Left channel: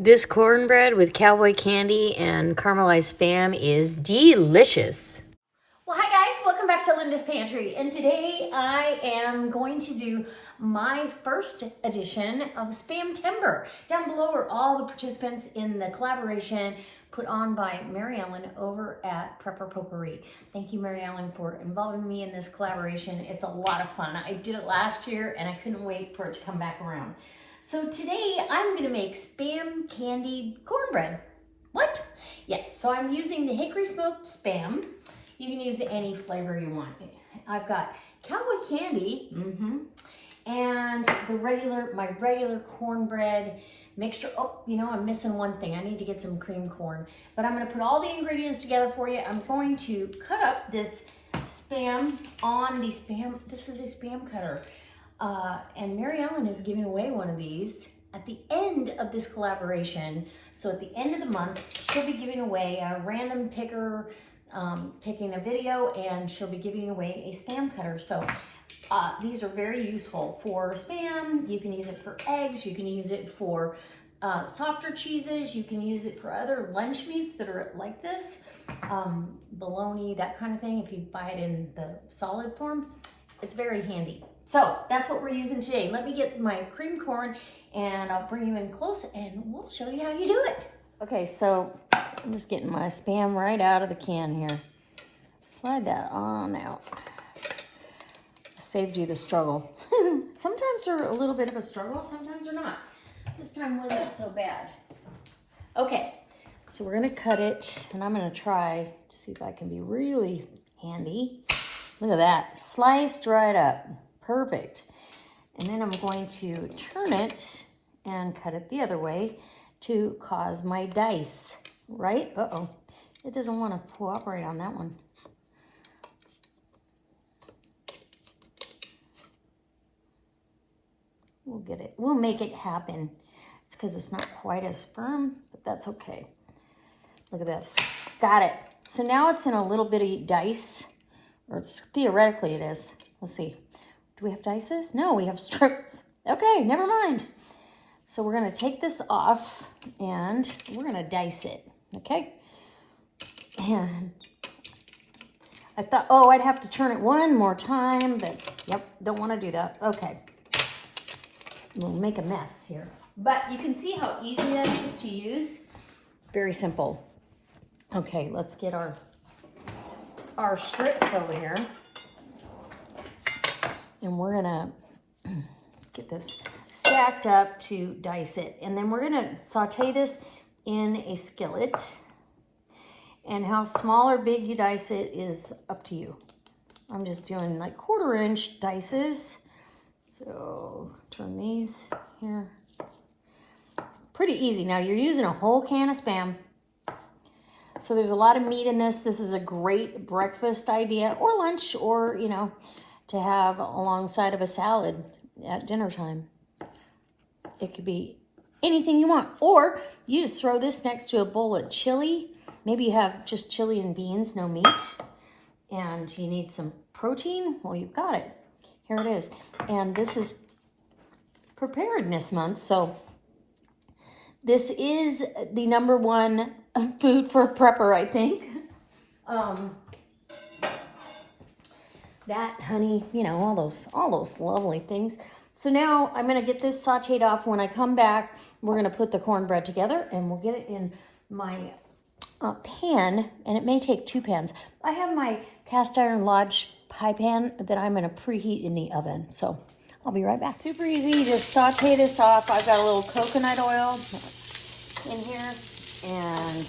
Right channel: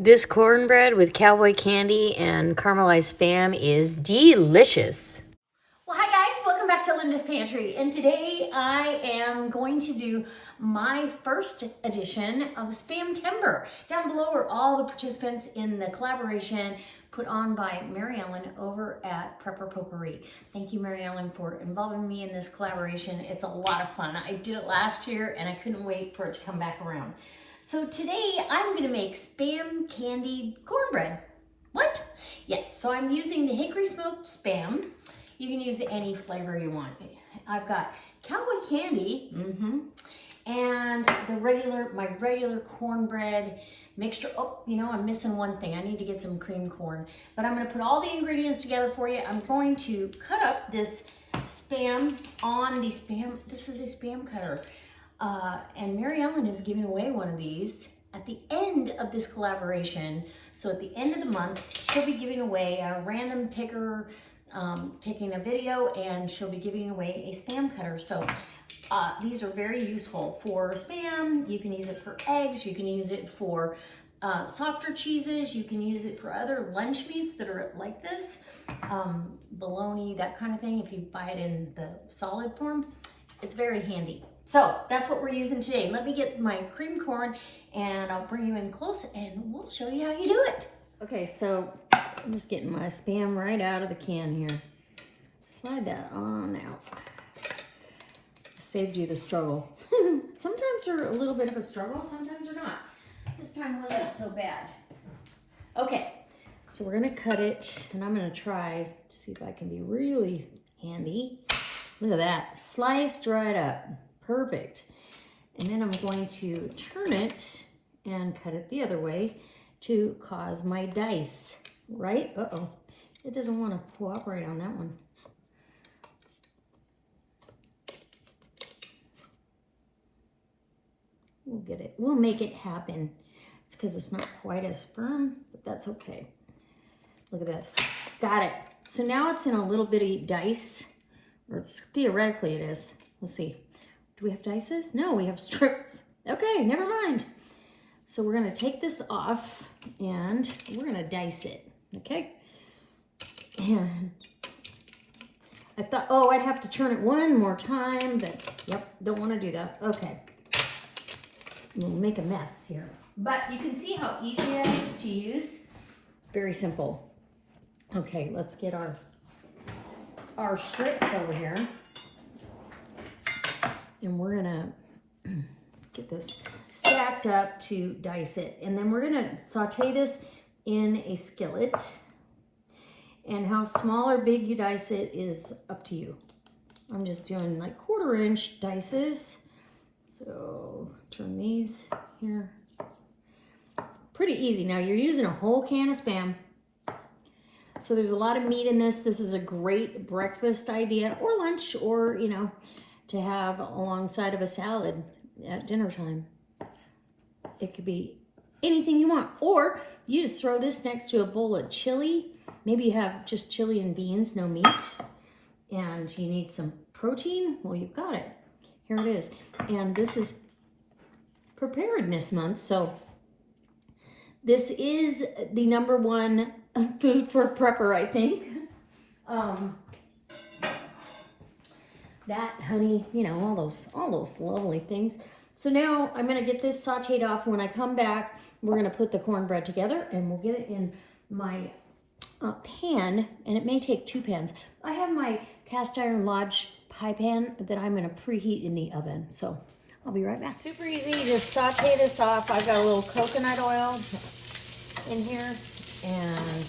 This cornbread with cowboy candy and caramelized Spam is delicious. Well, hi guys, welcome back to Linda's Pantry. And today I am going to do my first edition of Spamtember. Down below are all the participants in the collaboration put on by Mary Ellen over at Prepper Potpourri. Thank you, Mary Ellen, for involving me in this collaboration. It's a lot of fun. I did it last year and I couldn't wait for it to come back around. So today I'm gonna make Spam candied cornbread. What? Yes, so I'm using the hickory smoked Spam. You can use any flavor you want. I've got cowboy candy, and my regular cornbread mixture. Oh, you know, I'm missing one thing. I need to get some cream corn. But I'm gonna put all the ingredients together for you. I'm going to cut up this Spam on the Spam. This is a Spam cutter. And Mary Ellen is giving away one of these at the end of this collaboration. So at the end of the month, she'll be giving away a random picker, taking a video, and she'll be giving away a Spam cutter. So these are very useful for Spam. You can use it for eggs. You can use it for softer cheeses. You can use it for other lunch meats that are like this, bologna, that kind of thing. If you buy it in the solid form, it's very handy. So that's what we're using today. Let me get my cream corn and I'll bring you in close and we'll show you how you do it. Okay, so I'm just getting my Spam right out of the can here. Slide that on out. Saved you the struggle. Sometimes they're a little bit of a struggle, sometimes they're not. This time wasn't so bad. Okay, so we're gonna cut it and I'm gonna try to see if I can be really handy. Look at that, sliced right up, perfect. And then I'm going to turn it and cut it the other way to cause my dice, right? Uh-oh, it doesn't want to cooperate on that one. We'll get it, we'll make it happen. It's because it's not quite as firm, but that's okay. Look at this, got it. So now it's in a little bitty dice, or theoretically it is. Let's see, do we have dices? No, we have strips. Okay, never mind. So we're gonna take this off and we're gonna dice it, okay? And I thought, oh, I'd have to turn it one more time, but yep, don't wanna do that. Okay, we'll make a mess here. But you can see how easy that is to use. Very simple. Okay, let's get our strips over here. And we're gonna get this stacked up to dice it. And then we're gonna saute this in a skillet. And how small or big you dice it is up to you. I'm just doing like 1/4 inch dices. So turn these here. Pretty easy. Now you're using a whole can of Spam. So there's a lot of meat in this. This is a great breakfast idea or lunch, or, you know, to have alongside of a salad at dinner time. It could be anything you want. Or you just throw this next to a bowl of chili. Maybe you have just chili and beans, no meat, and you need some protein. Well, you've got it. Here it is. And this is preparedness month, so this is the #1 food for a prepper, I think. That, honey, you know, all those lovely things. So now I'm gonna get this sauteed off. When I come back, we're gonna put the cornbread together and we'll get it in my pan, and it may take 2 pans. I have my cast iron Lodge pie pan that I'm gonna preheat in the oven. So I'll be right back. Super easy, you just saute this off. I've got a little coconut oil in here, and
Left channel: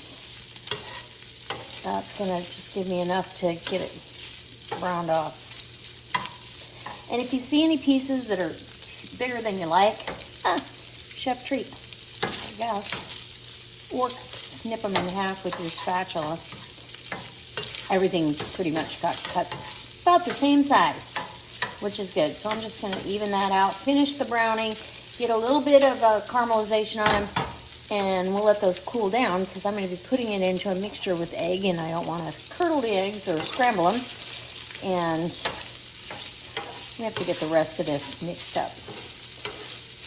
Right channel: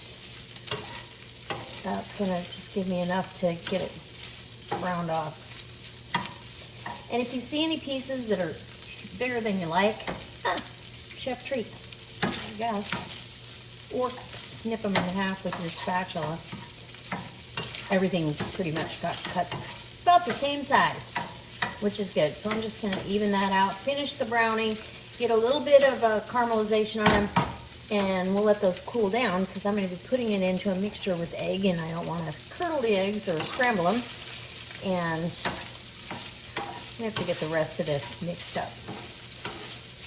that's gonna just give me enough to get it browned off. And if you see any pieces that are bigger than you like, chef treat, I guess. Or snip them in half with your spatula. Everything pretty much got cut about the same size, which is good. So I'm just gonna even that out, finish the browning, get a little bit of caramelization on them, and we'll let those cool down because I'm gonna be putting it into a mixture with egg, and I don't wanna curdle the eggs or scramble them. And we have to get the rest of this mixed up.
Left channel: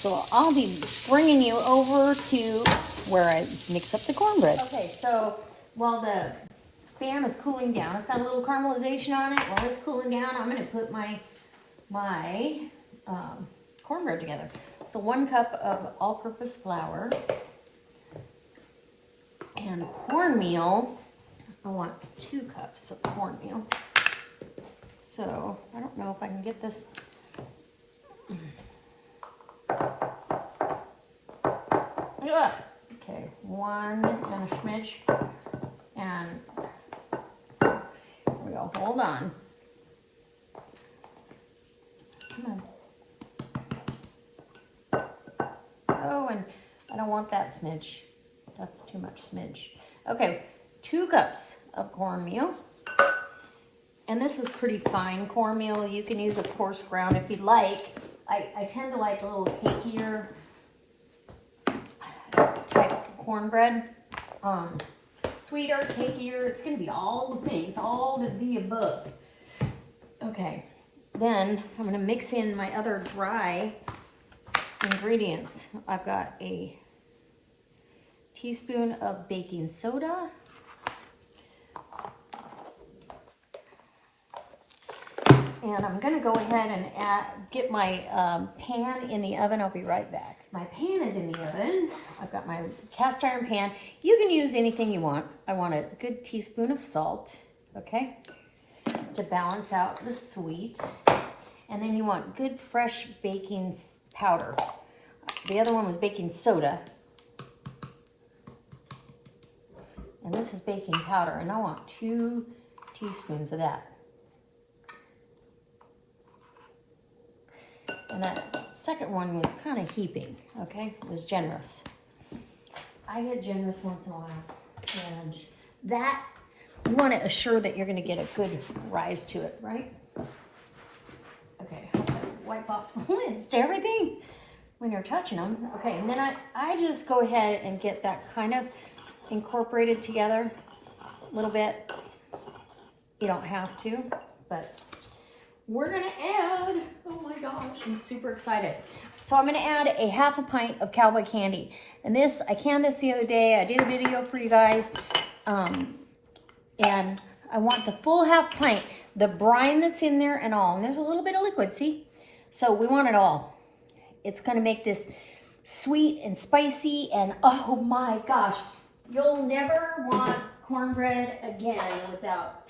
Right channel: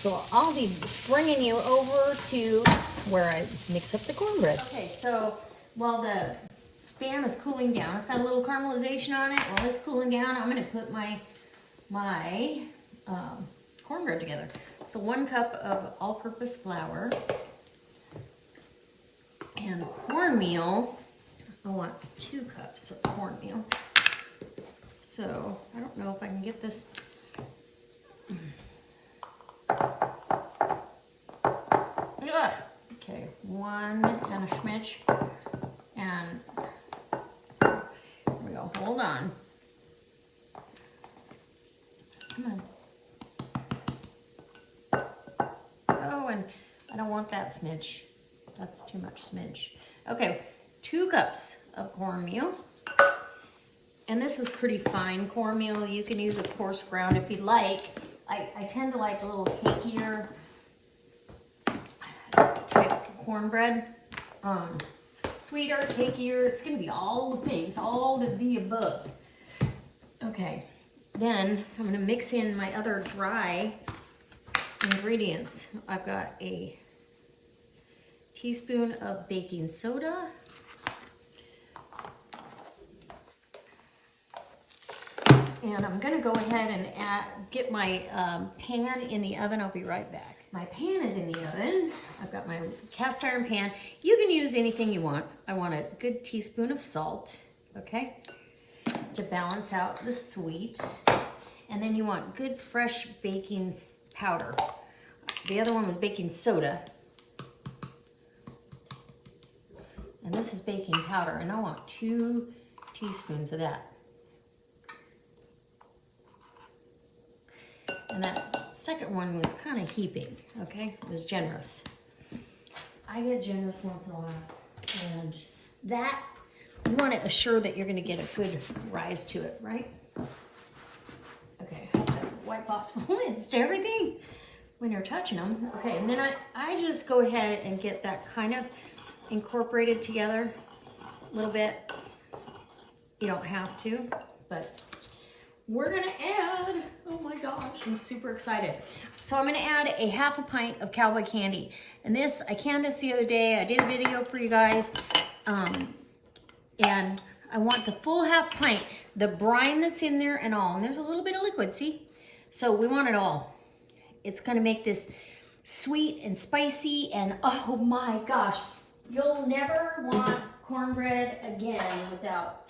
So I'll be bringing you over to where I mix up the cornbread. Okay, so while the Spam is cooling down, it's got a little caramelization on it. While it's cooling down, I'm gonna put my cornbread together. So 1 cup of all-purpose flour and cornmeal. I want 2 cups of cornmeal. So I don't know if I can get this. Okay, 1 and a smidge. And here we go. Hold on. Come on. Oh, and I don't want that smidge. That's too much smidge. Okay, 2 cups of cornmeal. And this is pretty fine cornmeal. You can use a coarse ground if you'd like. I tend to like a little cakier type cornbread. Sweeter, cakier. It's going to be all the things, all of the above. Okay, then I'm going to mix in my other dry ingredients. I've got a teaspoon of baking soda. And I'm going to go ahead and get my pan in the oven. I'll be right back. My pan is in the oven. I've got my cast iron pan. You can use anything you want. I want a good teaspoon of salt, okay, to balance out the sweet. And then you want good fresh baking powder. The other one was baking soda. And this is baking powder. And I want 2 teaspoons of that. And that second one was kind of heaping, okay? It was generous. I get generous once in a while. And that, you want to assure that you're going to get a good rise to it, right? Okay, I have to wipe off the lids to everything when you're touching them. Okay, and then I just go ahead and get that kind of incorporated together a little bit. You don't have to, but we're gonna add, oh my gosh, I'm super excited. So I'm gonna add a 1/2 pint of cowboy candy. And this, I canned this the other day. I did a video for you guys. And I want the full 1/2 pint, the brine that's in there and all. And there's a little bit of liquid, see? So we want it all. It's gonna make this sweet and spicy and oh my gosh, you'll never want cornbread again without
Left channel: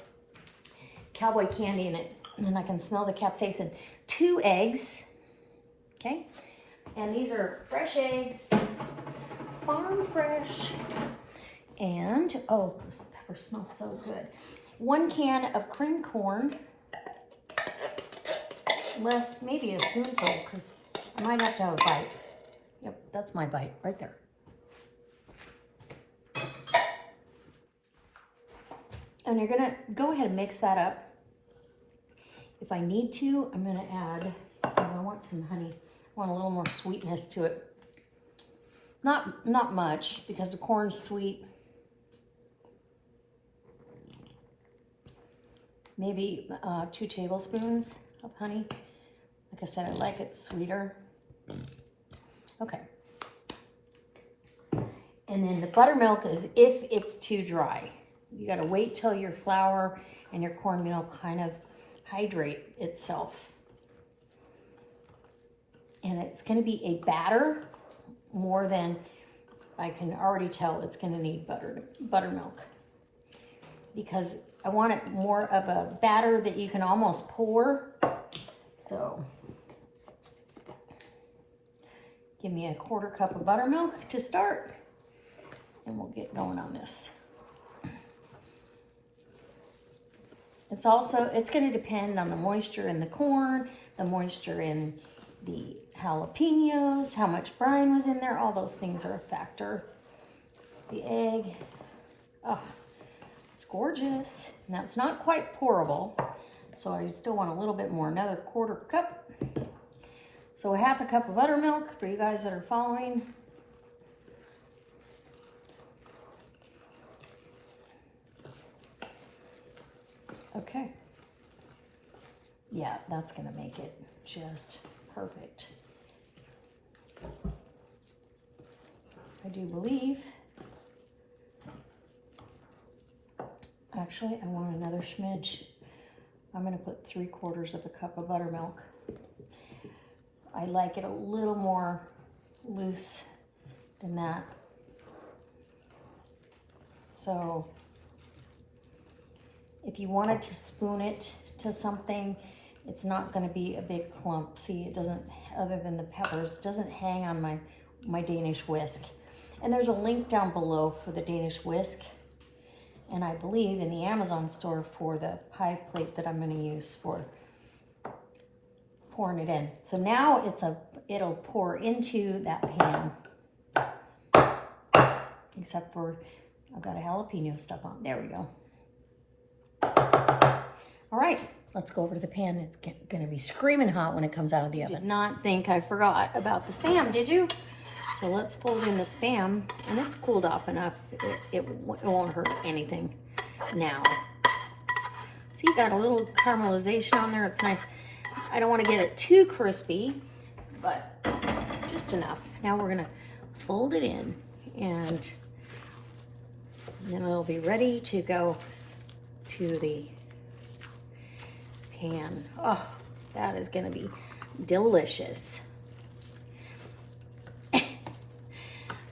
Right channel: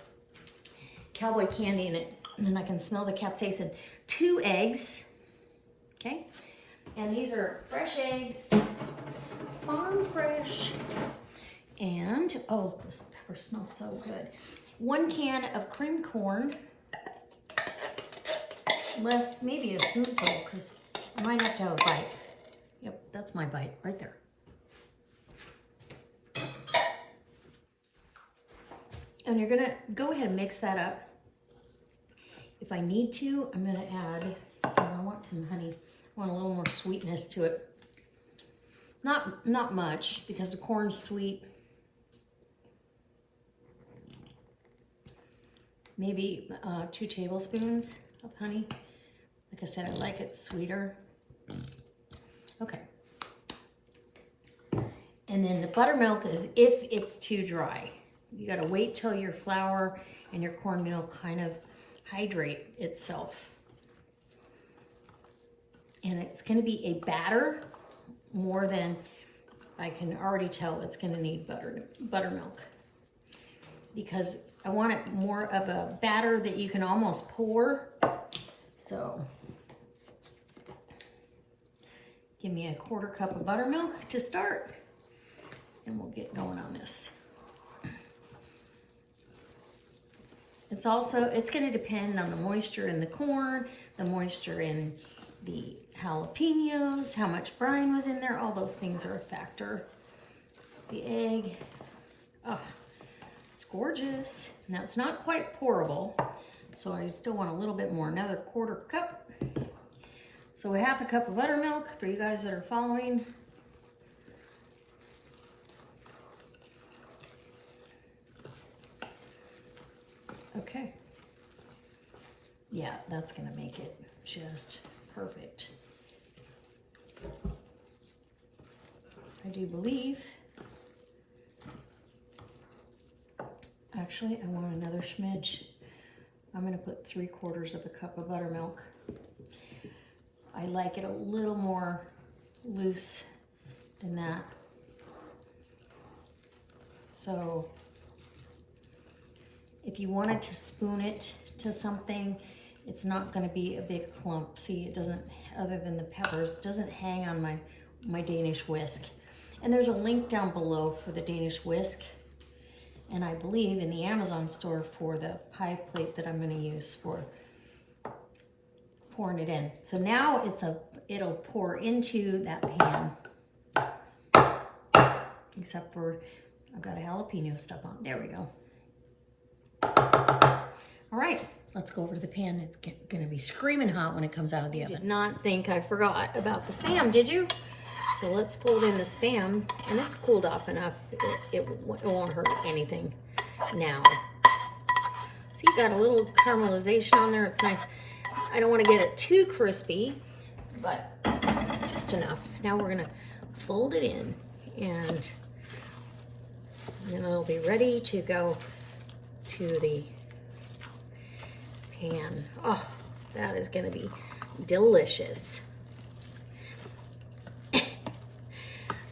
cowboy candy in it. And then I can smell the capsaicin. 2 eggs, okay? And these are fresh eggs, farm fresh. And, oh, this pepper smells so good. 1 can of cream corn. Less, maybe a spoonful, because I might have to have a bite. Yep, that's my bite right there. And you're gonna go ahead and mix that up. If I need to, I'm gonna add, I want some honey. I want a little more sweetness to it. Not much, because the corn's sweet. Maybe 2 tablespoons of honey. Like I said, I like it sweeter. Okay. And then the buttermilk is if it's too dry. You gotta wait till your flour and your cornmeal kind of hydrate itself. And it's gonna be a batter more than, I can already tell it's gonna need buttermilk. Because I want it more of a batter that you can almost pour. So, give me a 1/4 cup of buttermilk to start. And we'll get going on this. It's going to depend on the moisture in the corn, the moisture in the jalapenos, how much brine was in there. All those things are a factor. The egg, oh, it's gorgeous. Now it's not quite pourable, so I still want a little bit more, another 1/4 cup. So 1/2 cup of buttermilk for you guys that are following. Okay. Yeah, that's gonna make it just perfect. do believe, actually, I want another smidge. I'm gonna put 3/4 of a cup of buttermilk. I like it a little more loose than that. So if you wanted to spoon it to something, it's not gonna be a big clump. See, it doesn't, other than the peppers, it doesn't hang on my Danish whisk. And there's a link down below for the Danish whisk. And I believe in the Amazon store for the pie plate that I'm gonna use for pouring it in. So now it'll pour into that pan. Except for, I've got a jalapeno stuck on. There we go. All right, let's go over to the pan. It's gonna be screaming hot when it comes out of the oven. Did not think I forgot about the Spam, did you? So let's fold in the Spam, and it's cooled off enough. It won't hurt anything now. See, you got a little caramelization on there. It's nice. I don't want to get it too crispy, but just enough. Now we're gonna fold it in, and then it'll be ready to go to the pan. Oh, that is gonna be delicious.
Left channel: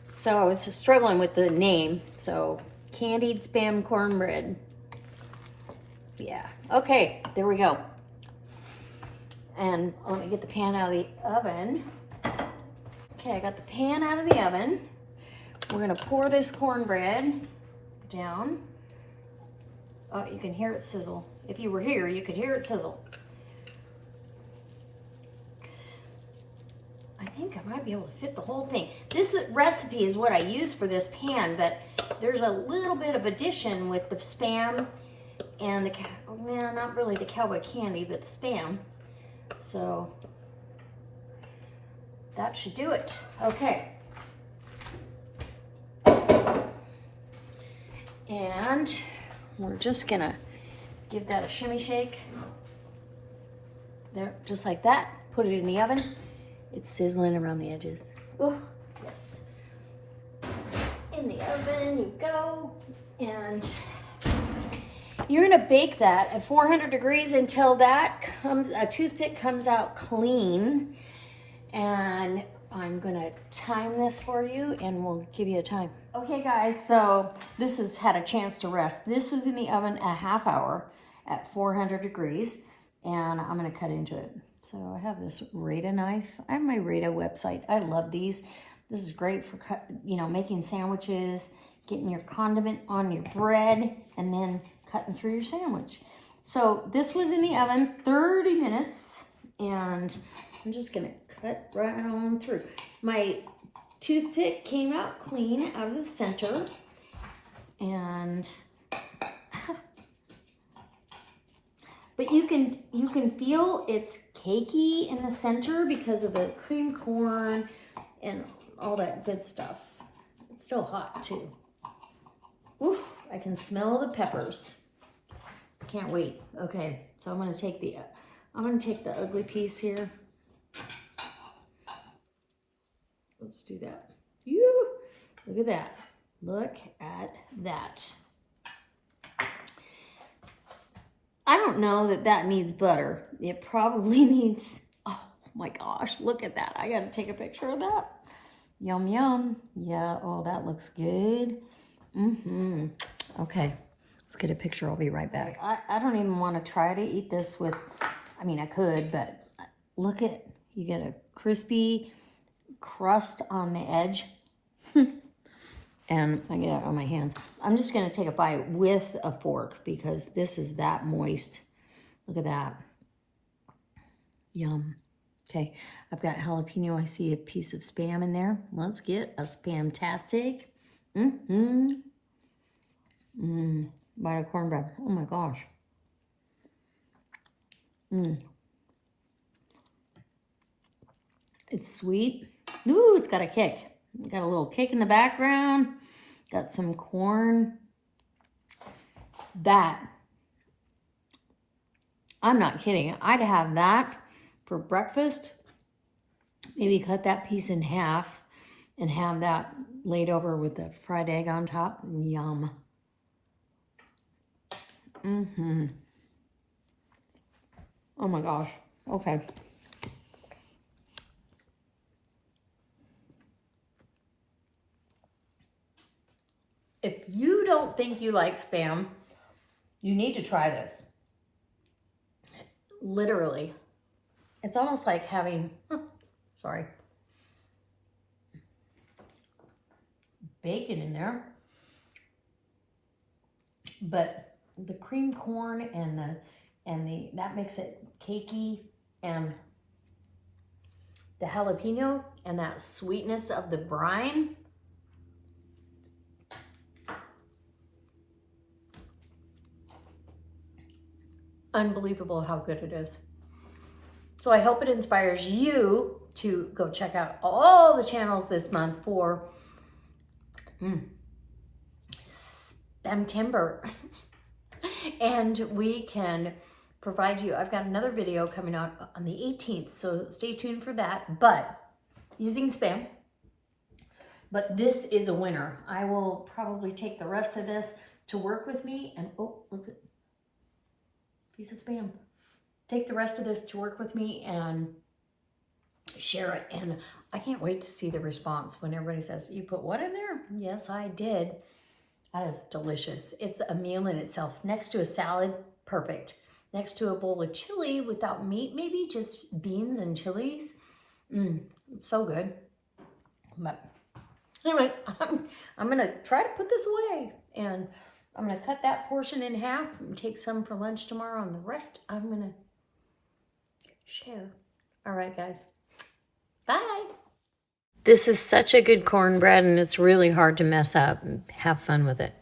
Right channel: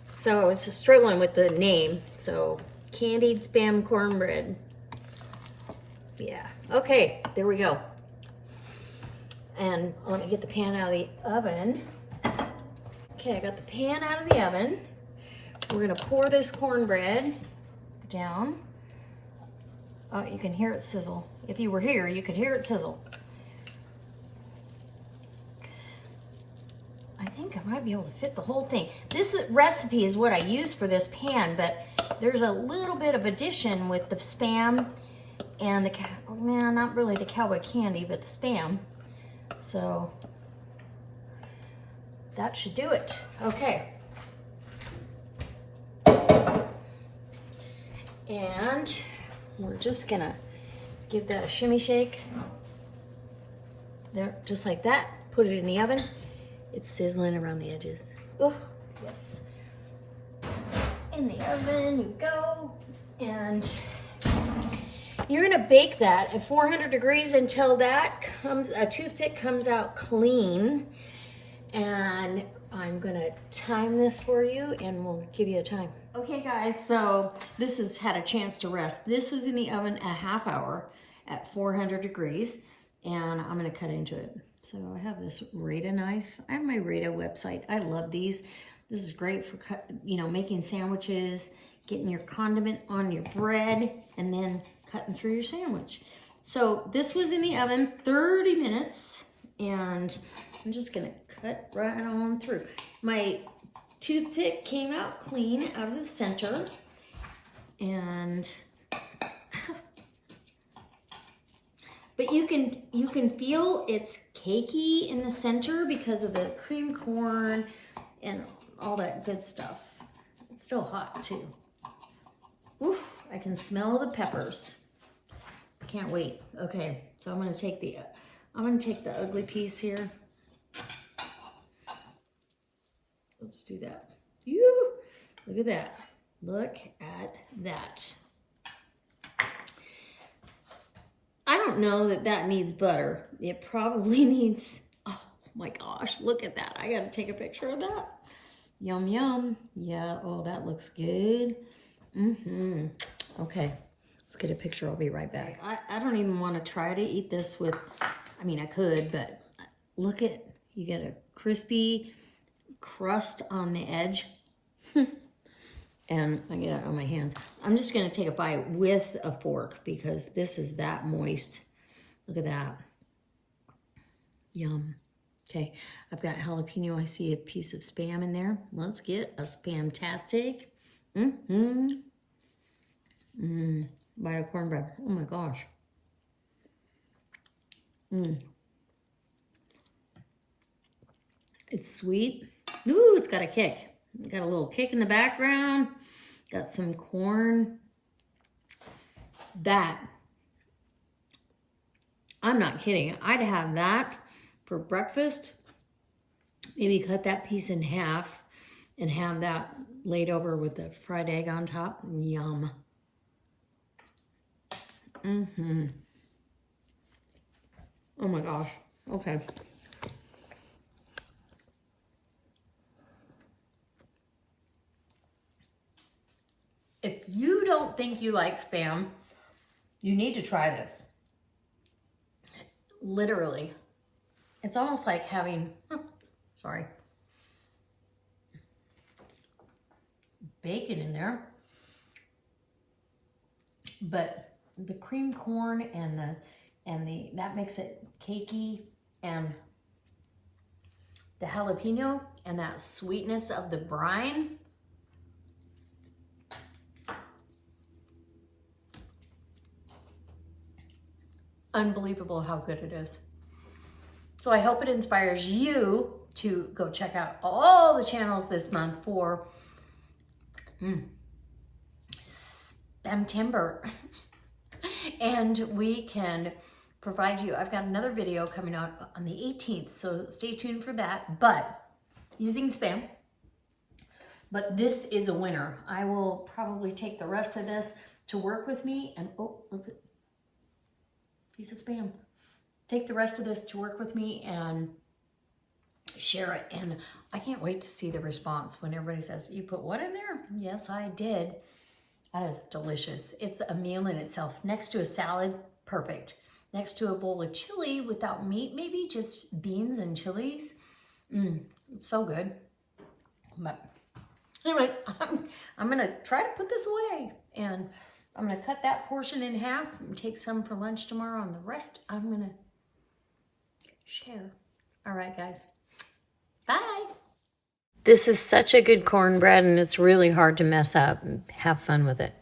So I was struggling with the name. So Candied Spam Cornbread. Yeah, okay, there we go. And let me get the pan out of the oven. Okay, I got the pan out of the oven. We're gonna pour this cornbread down. Oh, you can hear it sizzle. If you were here, you could hear it sizzle. I think I might be able to fit the whole thing. This recipe is what I use for this pan, but there's a little bit of addition with the Spam and the, well, not really the cowboy candy, but the Spam. So that should do it. Okay. And we're just gonna give that a shimmy shake. There, just like that. Put it in the oven. It's sizzling around the edges. Oh, yes. In the oven you go. And you're gonna bake that at 400 degrees until that a toothpick comes out clean. And I'm gonna time this for you and we'll give you a time. Okay guys, so this has had a chance to rest. This was in the oven a half hour at 400 degrees and I'm gonna cut into it. So I have this Rada knife. I have my Rada website. I love these. This is great for making sandwiches, getting your condiment on your bread, and then cutting through your sandwich. So this was in the oven 30 minutes, and I'm just gonna cut right on through. My toothpick came out clean out of the center, and but you can feel it's cakey in the center because of the cream corn and all that good stuff. It's still hot too. Oof, I can smell the peppers. Can't wait. Okay, so I'm gonna take the ugly piece here. Let's do that. Look at that. Look at that. I don't know that needs butter. It probably needs, oh my gosh, look at that. I gotta take a picture of that. Yum, yum. Yeah, oh, that looks good. Okay, let's get a picture. I'll be right back. I don't even want to try to eat this with, I mean, I could, but look at, you get a crispy crust on the edge. And I get it on my hands. I'm just gonna take a bite with a fork because this is that moist. Look at that. Yum. Okay, I've got jalapeno. I see a piece of Spam in there. Let's get a Spamtastic. Bite of cornbread. Oh my gosh. It's sweet. Ooh, it's got a kick. Got a little kick in the background. Got some corn. That, I'm not kidding. I'd have that for breakfast. Maybe cut that piece in half and have that laid over with the fried egg on top. Yum. Mm-hmm. Oh my gosh. Okay. If you don't think you like Spam, you need to try this. Literally. It's almost like having, sorry, bacon in there. But the cream corn and the that makes it cakey, and the jalapeno and that sweetness of the brine. Unbelievable how good it is. So I hope it inspires you to go check out all the channels this month for Spamtember. And we can provide you, I've got another video coming out on the 18th, so stay tuned for that, but using Spam. But this is a winner. I will probably take the rest of this to work with me, and oh, look at piece of Spam. Take the rest of this to work with me and share it. And I can't wait to see the response when everybody says, you put what in there? Yes, I did. That is delicious. It's a meal in itself. Next to a salad, perfect. Next to a bowl of chili without meat, maybe just beans and chilies. It's so good. But anyways, I'm gonna try to put this away, and I'm gonna cut that portion in half and take some for lunch tomorrow, and the rest I'm gonna share. All right, guys. Bye. This is such a good cornbread, and it's really hard to mess up. Have fun with it.